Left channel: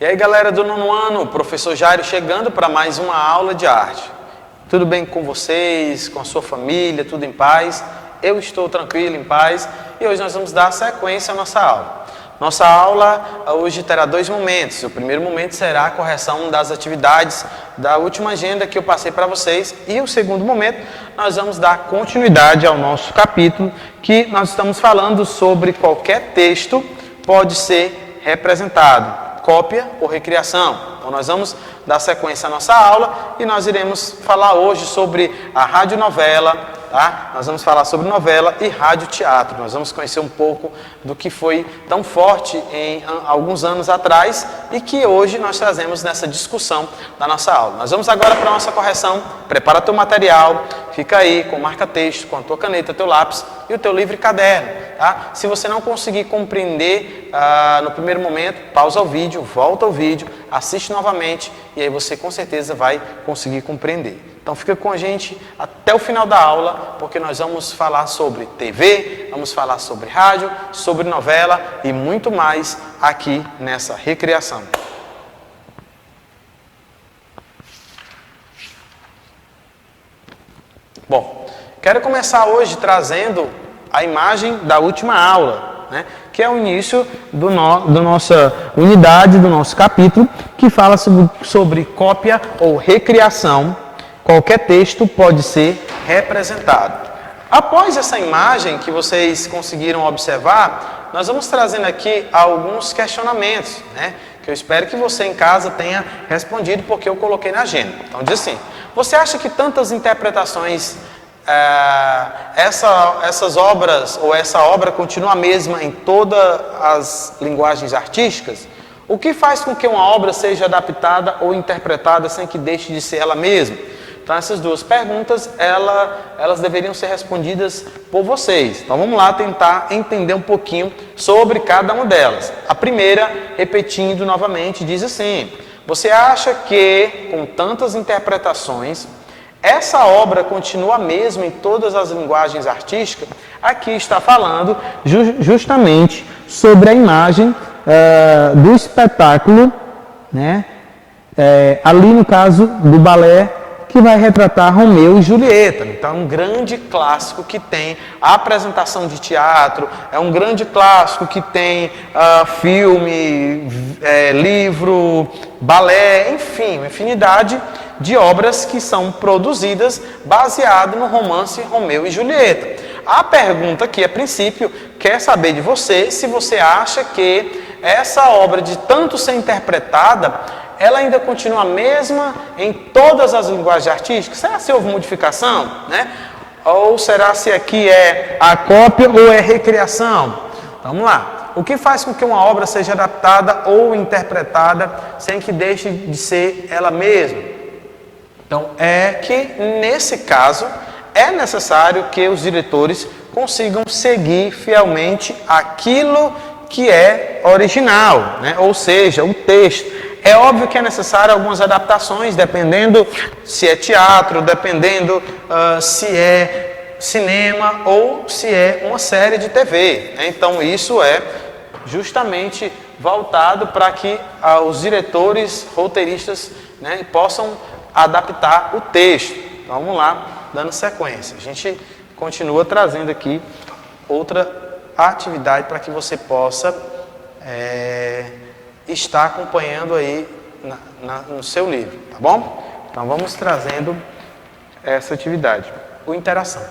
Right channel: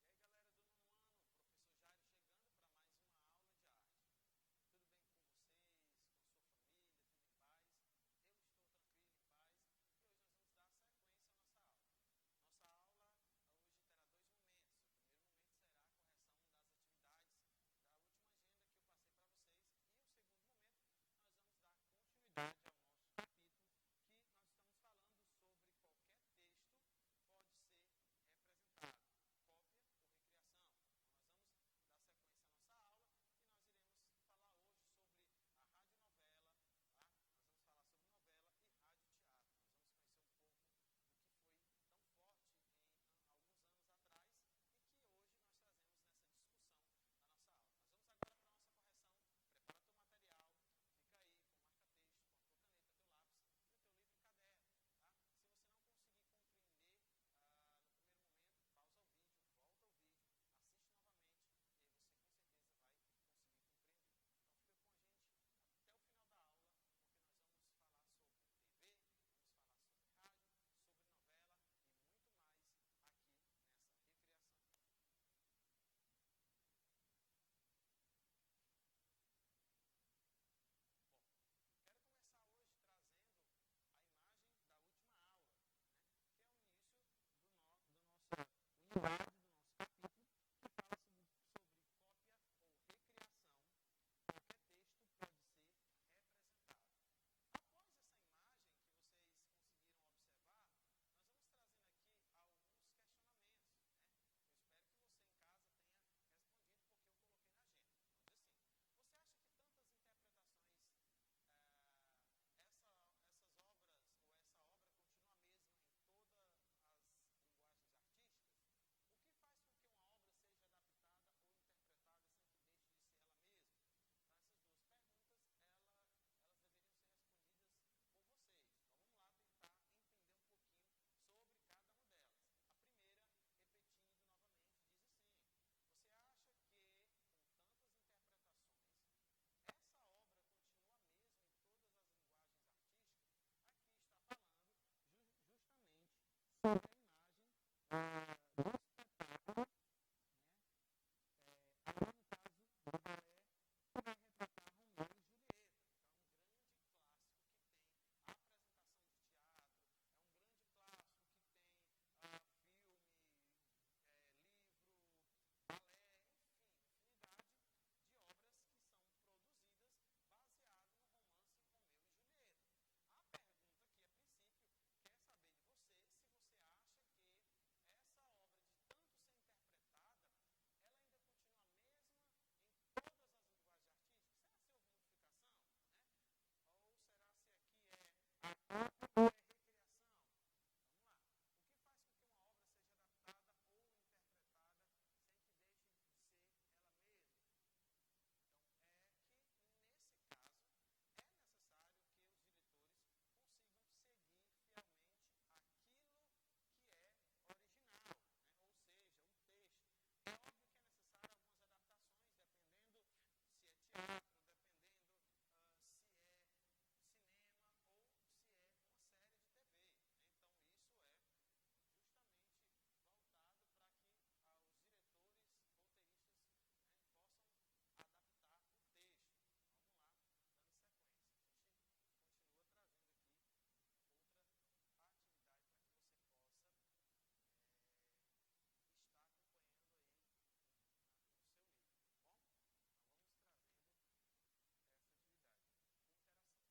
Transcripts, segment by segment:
E aí, galera do nono ano, o professor Jairo chegando para mais uma aula de arte. Tudo bem com vocês, com a sua família, tudo em paz? Eu estou tranquilo, em paz, e hoje nós vamos dar sequência à nossa aula. Nossa aula hoje terá dois momentos. O primeiro momento será a correção das atividades da última agenda que eu passei para vocês, e o segundo momento nós vamos dar continuidade ao nosso capítulo, que nós estamos falando sobre qualquer texto pode ser representado. Cópia ou recriação. Então nós vamos dar sequência à nossa aula e nós iremos falar hoje sobre a radionovela, tá? Nós vamos falar sobre novela e radioteatro. Nós vamos conhecer um pouco do que foi tão forte em alguns anos atrás e que hoje nós trazemos nessa discussão da nossa aula. Nós vamos agora para a nossa correção. Prepara teu material, fica aí com marca-texto, com a tua caneta, teu lápis e o teu livre caderno, tá? Se você não conseguir compreender no primeiro momento, pausa o vídeo, volta ao vídeo, assiste novamente e aí você com certeza vai conseguir compreender. Então fica com a gente até o final da aula, porque nós vamos falar sobre TV, vamos falar sobre rádio, sobre novela e muito mais aqui nessa recriação. Bom, quero começar hoje trazendo a imagem da última aula, né? Que é o início da nossa unidade, do nosso capítulo, que fala sobre cópia ou recriação. Qualquer texto pode ser representado. Após essa imagem que vocês conseguiram observar, nós vamos trazendo aqui alguns questionamentos, né? Que eu espero que você em casa tenha respondido, porque eu coloquei na agenda. Então diz assim: você acha que tantas interpretações, essas obras ou essa obra continua a mesma em todas as linguagens artísticas? O que faz com que uma obra seja adaptada ou interpretada sem que deixe de ser ela mesma? Então essas duas perguntas, elas deveriam ser respondidas por vocês. Então vamos lá tentar entender um pouquinho sobre cada uma delas. A primeira, repetindo novamente, diz assim: você acha que, com tantas interpretações, essa obra continua a mesma em todas as linguagens artísticas? Aqui está falando justamente sobre a imagem do espetáculo, né? Ali no caso do balé, que vai retratar Romeu e Julieta. Então é um grande clássico que tem a apresentação de teatro, é um grande clássico que tem filme, livro, balé, enfim, uma infinidade de obras que são produzidas baseado no romance Romeu e Julieta. A pergunta aqui, a princípio, quer saber de você se você acha que essa obra, de tanto ser interpretada, ela ainda continua a mesma em todas as linguagens artísticas? Será se houve modificação, né? Ou será se aqui é a cópia ou é recriação? Vamos lá. O que faz com que uma obra seja adaptada ou interpretada sem que deixe de ser ela mesma? Então, é que nesse caso é necessário que os diretores consigam seguir fielmente aquilo que é original, né? Ou seja, o texto. É óbvio que é necessário algumas adaptações, dependendo se é teatro, dependendo se é cinema ou se é uma série de TV, né? Então isso é justamente voltado para que os diretores, roteiristas, né, possam adaptar o texto. Então vamos lá, dando sequência. A gente continua trazendo aqui outra atividade para que você possa está acompanhando aí no seu livro, tá bom? Então vamos trazendo essa atividade. O interação.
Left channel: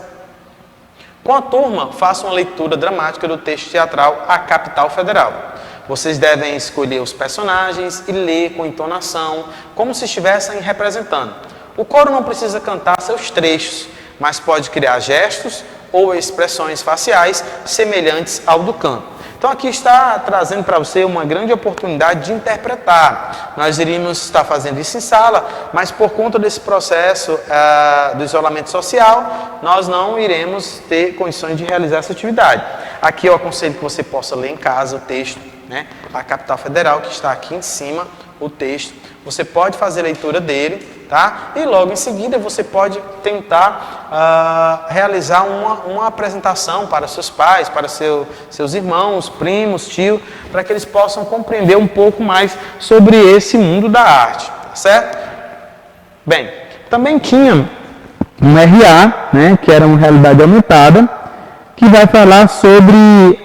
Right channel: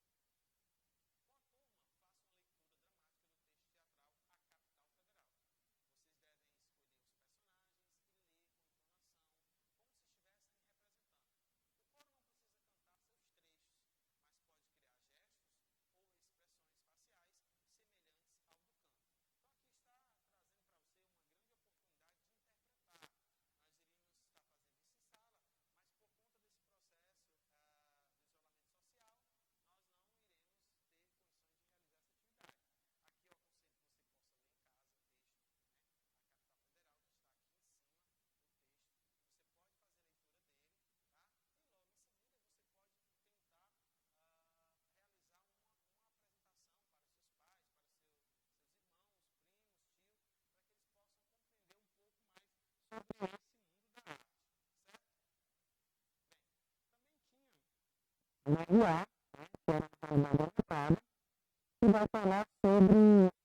Com a turma, faça uma leitura dramática do texto teatral A Capital Federal. Vocês devem escolher os personagens e ler com entonação, como se estivessem representando. O coro não precisa cantar seus trechos, mas pode criar gestos ou expressões faciais semelhantes ao do canto. Então aqui está trazendo para você uma grande oportunidade de interpretar. Nós iríamos estar fazendo isso em sala, mas por conta desse processo do isolamento social, nós não iremos ter condições de realizar essa atividade. Aqui eu aconselho que você possa ler em casa o texto, né? A Capital Federal, que está aqui em cima, o texto. Você pode fazer a leitura dele, tá? E logo em seguida você pode tentar realizar uma apresentação para seus pais, para seus irmãos, primos, tios, para que eles possam compreender um pouco mais sobre esse mundo da arte, tá certo? Bem, também tinha um RA, né, que era uma realidade aumentada, que vai falar sobre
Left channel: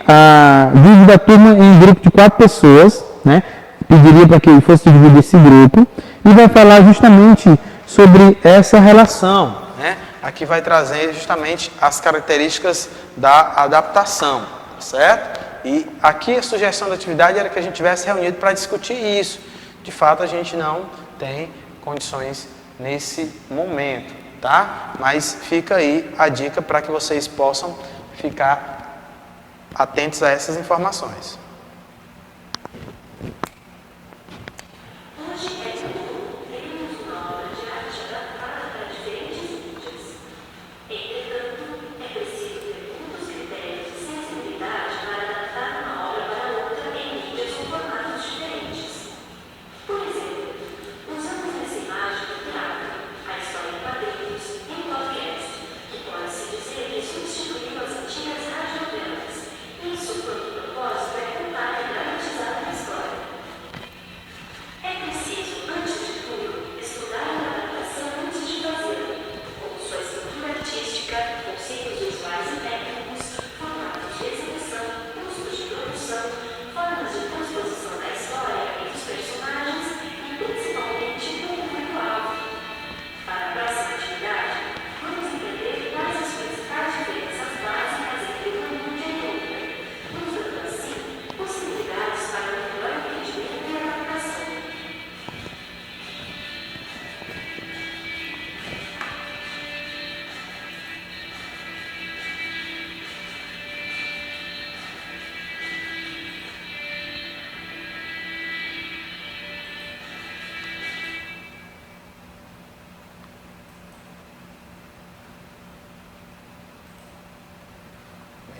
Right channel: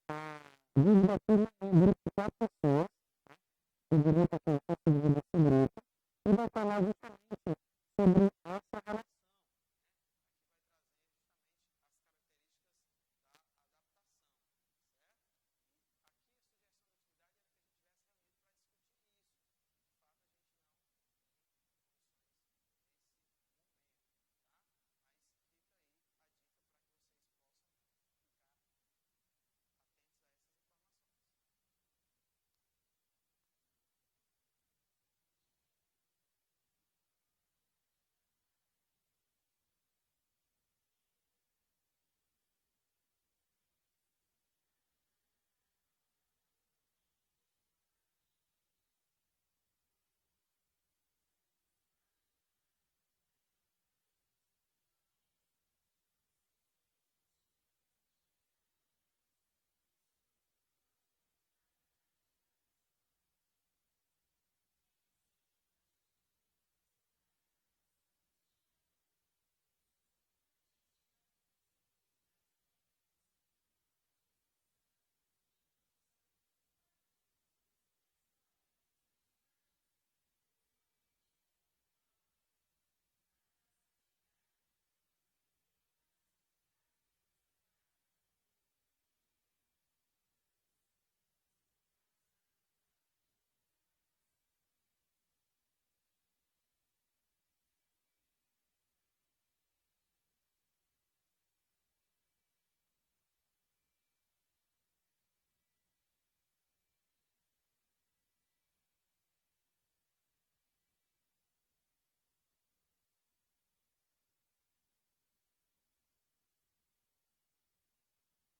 a dividir a turma em grupo de 4 pessoas, né? Pediria para que fosse dividir esse grupo, e vai falar justamente sobre essa relação, né? Aqui vai trazer justamente as características da adaptação, certo? E aqui a sugestão da atividade era que a gente tivesse reunido para discutir isso. De fato, a gente não tem condições nesse momento, tá? Mas fica aí a dica para que vocês possam ficar atentos a essas informações.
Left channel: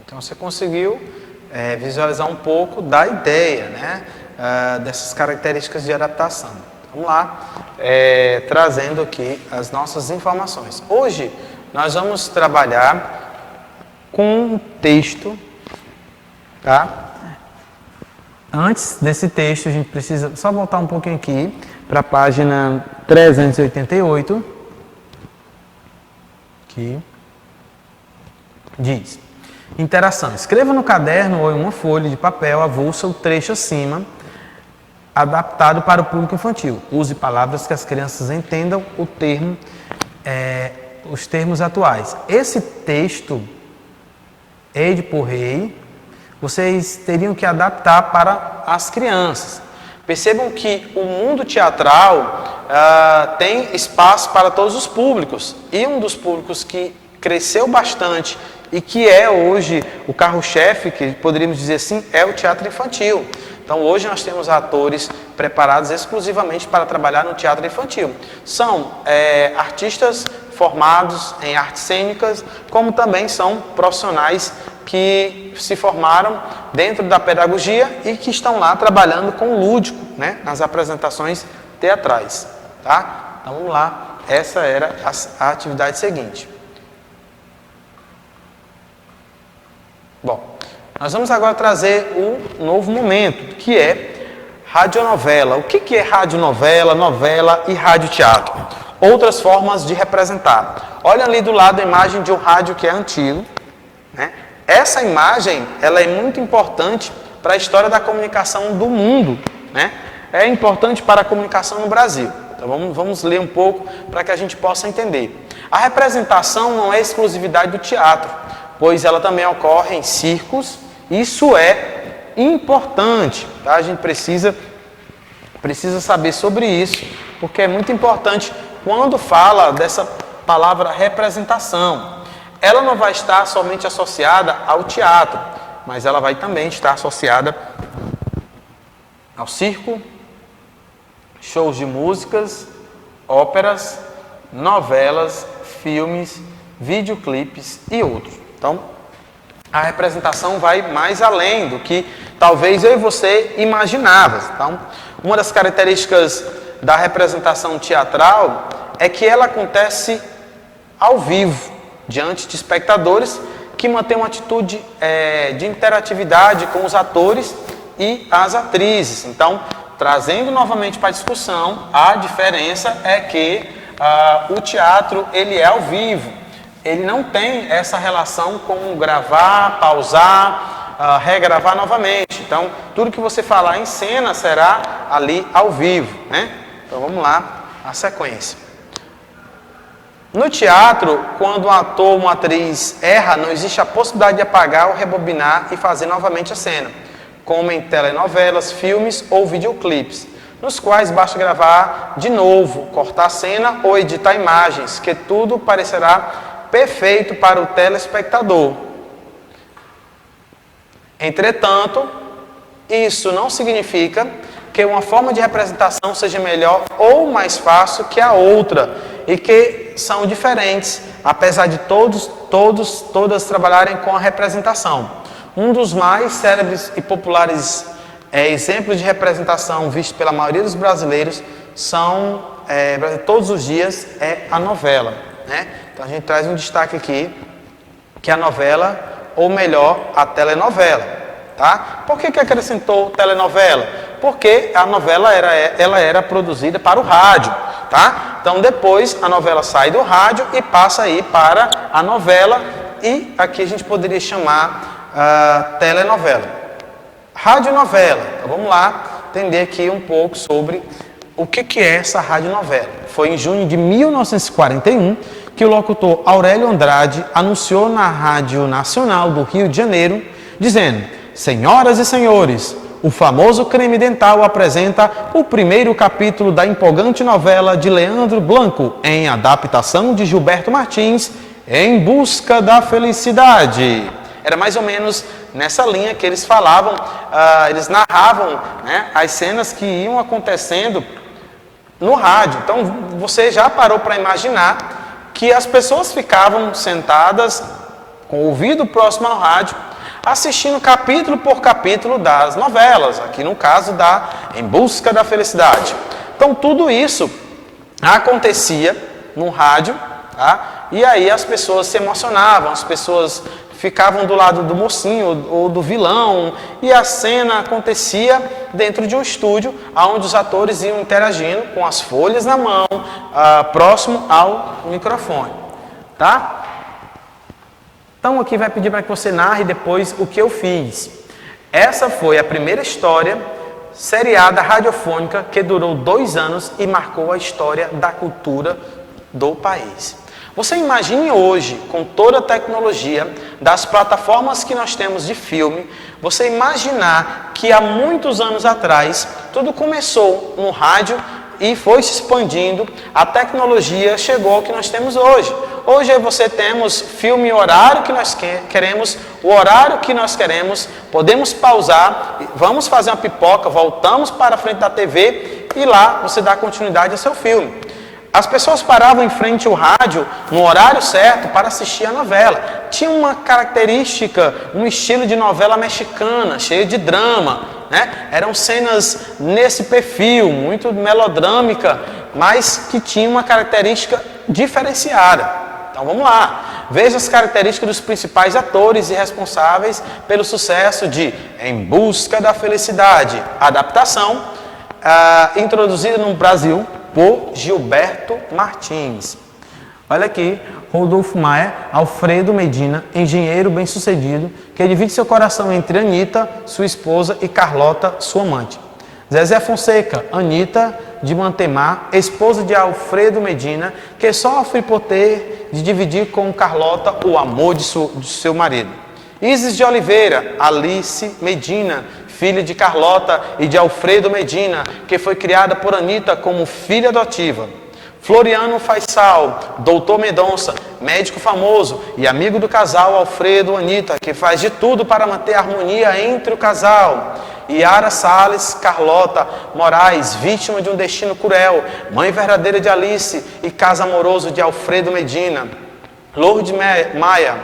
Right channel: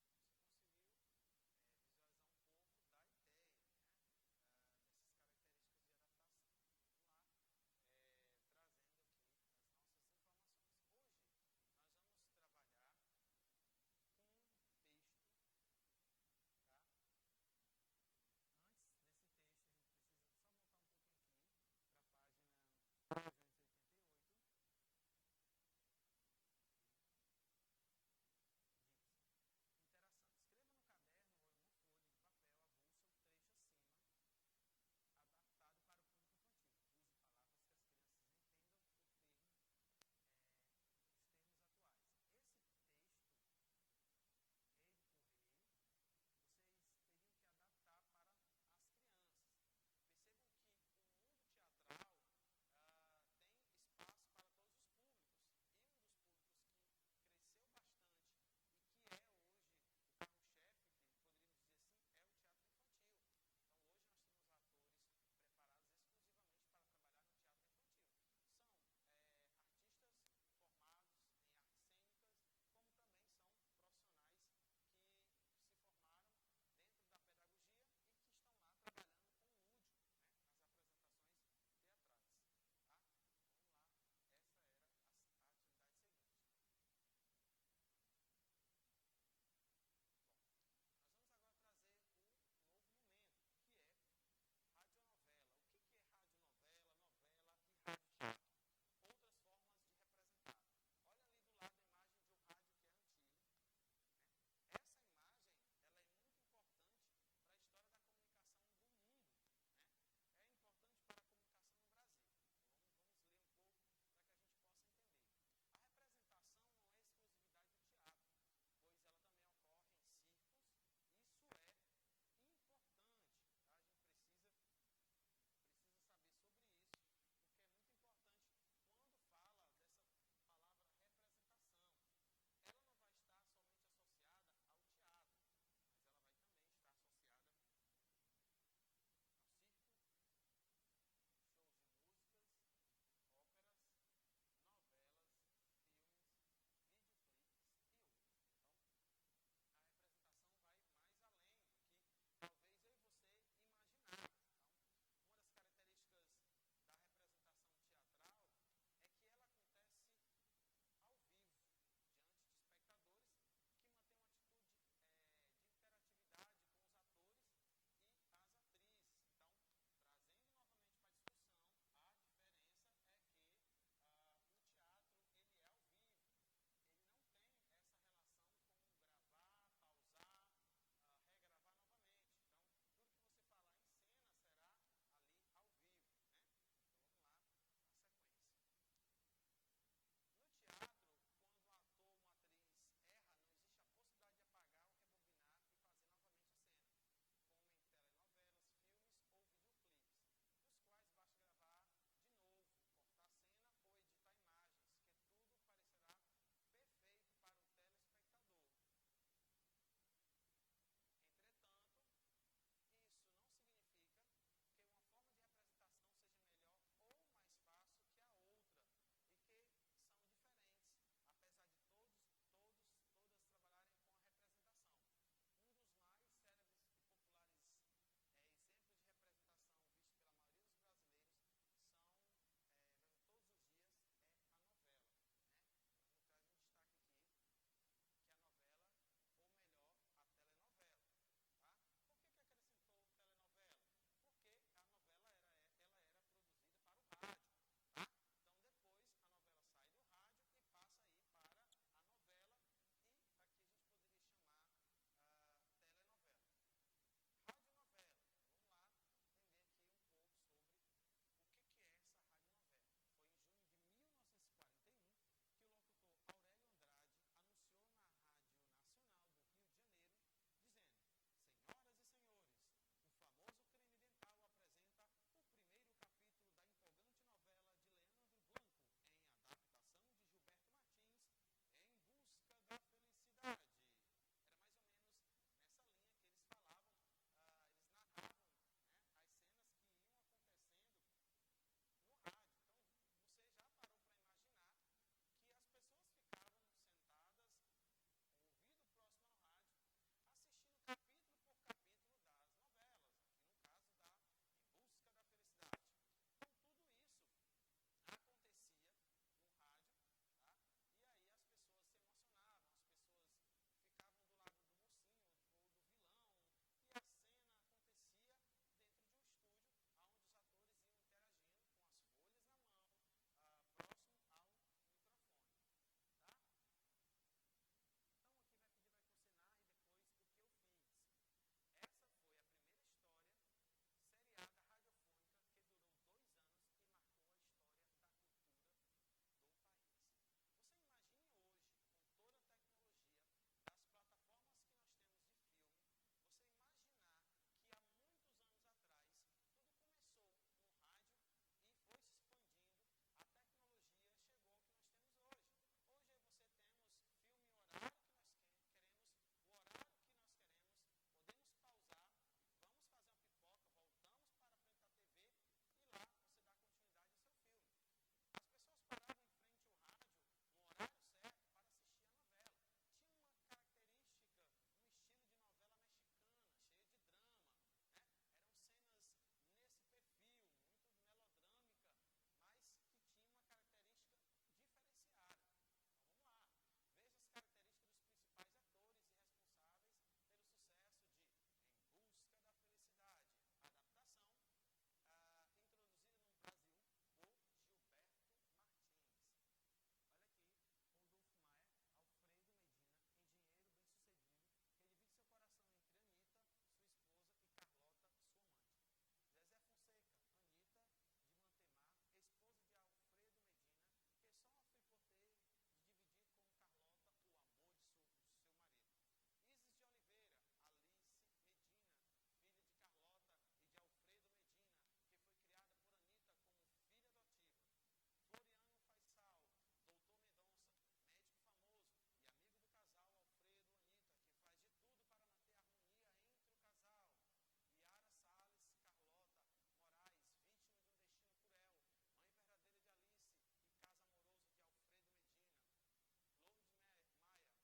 Então você conseguiu visualizar um pouco da ideia, né, dessas características de adaptação. Vamos lá, trazendo aqui as nossas informações. Hoje nós vamos trabalhar com um texto, tá? Antes desse texto a gente precisa só voltar um pouquinho aqui para a página 388, que diz: interação. Escreva no caderno ou em uma folha de papel avulsa o trecho acima, adaptado para o público infantil. Use palavras que as crianças entendam os termos atuais. Esse texto, por rei, vocês teriam que adaptar para as crianças. Percebam que o mundo teatral tem espaço para todos os públicos. E um dos públicos que cresceu bastante e que é hoje o carro-chefe, que poderíamos dizer assim, é o teatro infantil. Então hoje nós temos atores preparados exclusivamente para trabalhar no teatro infantil. São artistas formados em artes cênicas, como também são profissionais que se formaram dentro da pedagogia e que estão lá trabalhando com o lúdico, né, nas apresentações teatrais. Tá? Então vamos lá, essa era a atividade seguinte. Bom, nós vamos agora trazer um novo momento, que é radionovela. O que é radionovela, novela e radioteatro? Outras formas de representar. Olha ali do lado a imagem de um rádio que é antigo, né? Essa imagem, ela é muito importante para a história da comunicação do mundo, né? É importante para a comunicação no Brasil. Então vamos ler um pouco para que a gente possa entender. A representação não é exclusividade do teatro, pois ela também ocorre em circos. Isso é importante, tá? A gente precisa saber sobre isso, porque é muito importante quando fala dessa palavra representação. Ela não vai estar somente associada ao teatro, mas ela vai também estar associada ao circo, shows de músicas, óperas, novelas, filmes, videoclipes e outros. Então, a representação vai mais além do que talvez eu e você imaginava. Então, uma das características da representação teatral é que ela acontece ao vivo, diante de espectadores que mantêm uma atitude de interatividade com os atores e as atrizes. Então, trazendo novamente para a discussão, a diferença é que o teatro ele é ao vivo, ele não tem essa relação com gravar, pausar, regravar novamente. Então, tudo que você falar em cena será ali ao vivo, né? Então, vamos lá, a sequência. No teatro, quando um ator ou uma atriz erra, não existe a possibilidade de apagar ou rebobinar e fazer novamente a cena, como em telenovelas, filmes ou videoclipes, nos quais basta gravar de novo, cortar a cena ou editar imagens, que tudo parecerá perfeito para o telespectador. Entretanto, isso não significa que uma forma de representação seja melhor ou mais fácil que a outra, e que são diferentes, apesar de todas trabalharem com a representação. Um dos mais célebres e populares exemplos de representação visto pela maioria dos brasileiros todos os dias é a novela, né? Então a gente traz um destaque aqui, que é a novela, ou melhor, a telenovela, tá? Por que acrescentou telenovela? Porque a novela ela era produzida para o rádio, tá? Então depois a novela sai do rádio e passa aí para a novela, e aqui a gente poderia chamar telenovela. Radionovela. Então vamos lá entender aqui um pouco sobre o que é essa radionovela. Foi em junho de 1941 que o locutor Aurélio Andrade anunciou na Rádio Nacional do Rio de Janeiro, dizendo: senhoras e senhores, o famoso Creme Dental apresenta o primeiro capítulo da empolgante novela de Leandro Blanco, em adaptação de Gilberto Martins, Em Busca da Felicidade. Era mais ou menos nessa linha que eles falavam, eles narravam, né, as cenas que iam acontecendo no rádio. Então, você já parou para imaginar que as pessoas ficavam sentadas com o ouvido próximo ao rádio, assistindo capítulo por capítulo das novelas, aqui no caso da Em Busca da Felicidade. Então, tudo isso acontecia no rádio, tá? E aí as pessoas se emocionavam, as pessoas ficavam do lado do mocinho ou do vilão, e a cena acontecia dentro de um estúdio, onde os atores iam interagindo com as folhas na mão, próximo ao microfone, tá? Então aqui vai pedir para que você narre depois o que eu fiz. Essa foi a primeira história seriada radiofônica que durou 2 anos e marcou a história da cultura do país. Você imagine hoje, com toda a tecnologia das plataformas que nós temos de filme, você imaginar que há muitos anos atrás, tudo começou no rádio e foi se expandindo, a tecnologia chegou ao que nós temos hoje. Hoje você temos filme e horário que nós queremos, o horário que nós queremos, podemos pausar, vamos fazer uma pipoca, voltamos para a frente da TV e lá você dá continuidade ao seu filme. As pessoas paravam em frente ao rádio no horário certo para assistir a novela. Tinha uma característica, um estilo de novela mexicana, cheio de drama, né? Eram cenas nesse perfil, muito melodrâmica, mas que tinha uma característica diferenciada. Então vamos lá, veja as características dos principais atores e responsáveis pelo sucesso de Em Busca da Felicidade, adaptação introduzida no Brasil por Gilberto Martins. Olha aqui, Rodolfo Maia, Alfredo Medina, engenheiro bem-sucedido, que divide seu coração entre Anita, sua esposa, e Carlota, sua amante. Zezé Fonseca, Anita de Mantemar, esposa de Alfredo Medina, que sofre por ter de dividir com Carlota o amor de seu marido. Isis de Oliveira, Alice Medina, filha de Carlota e de Alfredo Medina, que foi criada por Anita como filha adotiva. Floriano Faisal, doutor Mendonça, médico famoso e amigo do casal Alfredo e Anita, que faz de tudo para manter a harmonia entre o casal. Yara Salles Carlota Moraes, vítima de um destino cruel, mãe verdadeira de Alice e caso amoroso de Alfredo Medina. Lourdes Maia,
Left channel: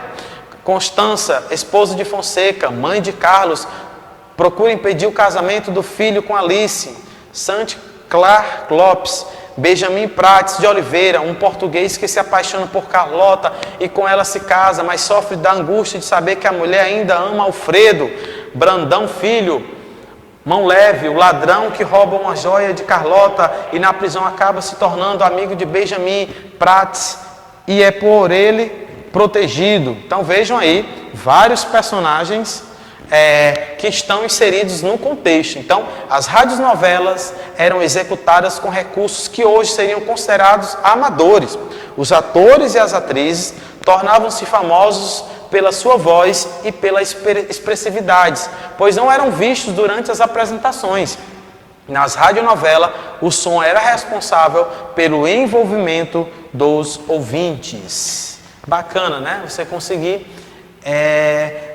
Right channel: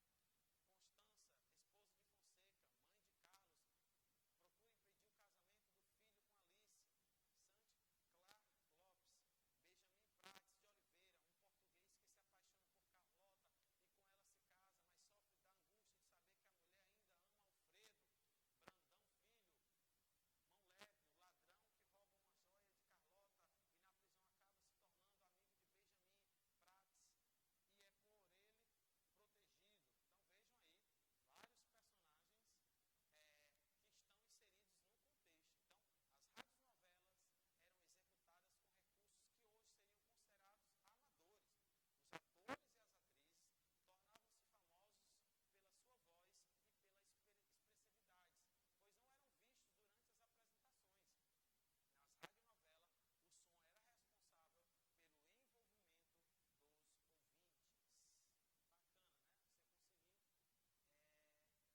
Constança, esposa de Fonseca, mãe de Carlos, procura impedir o casamento do filho com Alice. Santi Clark Lopes, Benjamin Prates de Oliveira, um português que se apaixona por Carlota e com ela se casa, mas sofre da angústia de saber que a mulher ainda ama Alfredo. Brandão Filho, Mão Leve, o ladrão que rouba uma joia de Carlota e na prisão acaba se tornando amigo de Benjamin Prates e é por ele protegido. Então vejam aí vários personagens que estão inseridos no contexto. Então, as radionovelas eram executadas com recursos que hoje seriam considerados amadores. Os atores e as atrizes tornavam-se famosos pela sua voz e pela expressividade, pois não eram vistos durante as apresentações. Nas radionovelas, o som era responsável pelo envolvimento dos ouvintes. Bacana, né? Você conseguir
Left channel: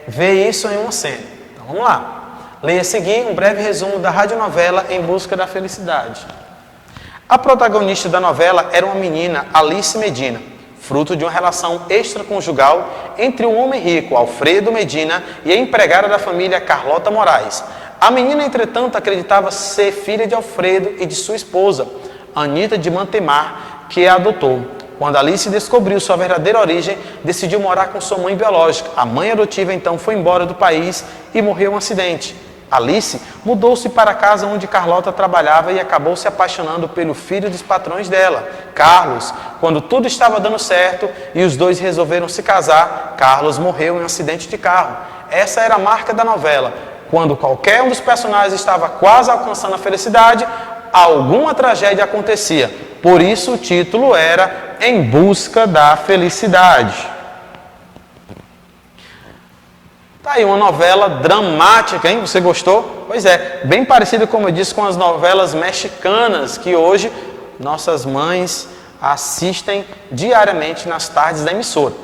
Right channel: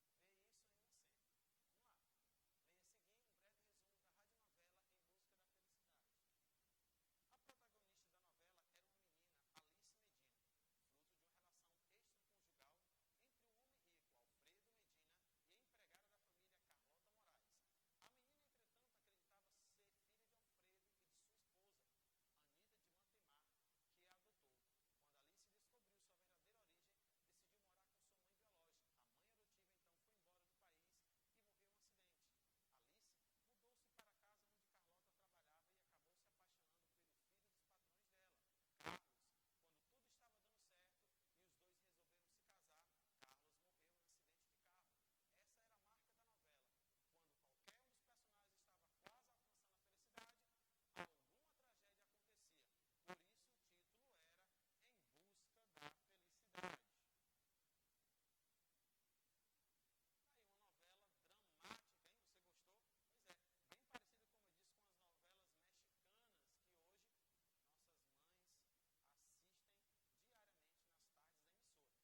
ver isso em uma cena. Então vamos lá. Leia a seguir um breve resumo da radionovela Em Busca da Felicidade. A protagonista da novela era uma menina, Alice Medina, fruto de uma relação extraconjugal entre um homem rico, Alfredo Medina, e a empregada da família, Carlota Moraes. A menina, entretanto, acreditava ser filha de Alfredo e de sua esposa, Anita de Mantemar, que a adotou. Quando Alice descobriu sua verdadeira origem, decidiu morar com sua mãe biológica. A mãe adotiva então foi embora do país e morreu em um acidente. Alice mudou-se para a casa onde Carlota trabalhava e acabou se apaixonando pelo filho dos patrões dela, Carlos. Quando tudo estava dando certo e os dois resolveram se casar, Carlos morreu em um acidente de carro. Essa era a marca da novela. Quando qualquer um dos personagens estava quase alcançando a felicidade, alguma tragédia acontecia. Por isso o título era Em Busca da Felicidade. Tá aí uma novela dramática, hein? Você gostou? Pois é, bem parecida, como eu disse, com as novelas mexicanas que hoje nossas mães assistem diariamente nas tardes da emissora.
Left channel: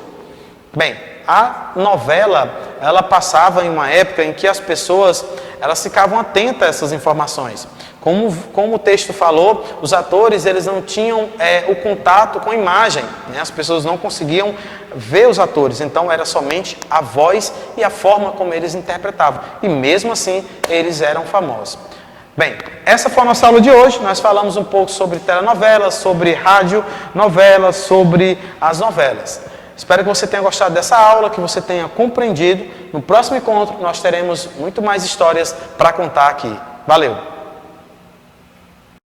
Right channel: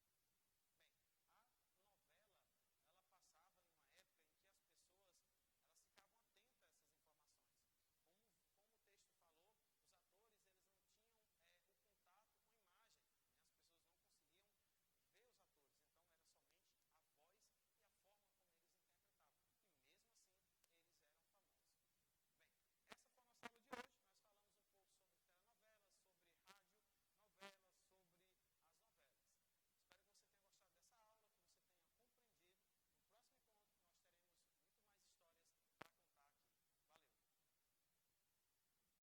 Bem, a novela, ela passava em uma época em que as pessoas, elas ficavam atentas a essas informações. Como o texto falou, os atores eles não tinham o contato com a imagem, né? As pessoas não conseguiam ver os atores, então era somente a voz e a forma como eles interpretavam. E mesmo assim, eles eram famosos. Bem, essa foi a nossa aula de hoje. Nós falamos um pouco sobre telenovelas, sobre radionovelas, sobre as novelas. Espero que você tenha gostado dessa aula, que você tenha compreendido. No próximo encontro, nós teremos muito mais histórias para contar aqui. Valeu!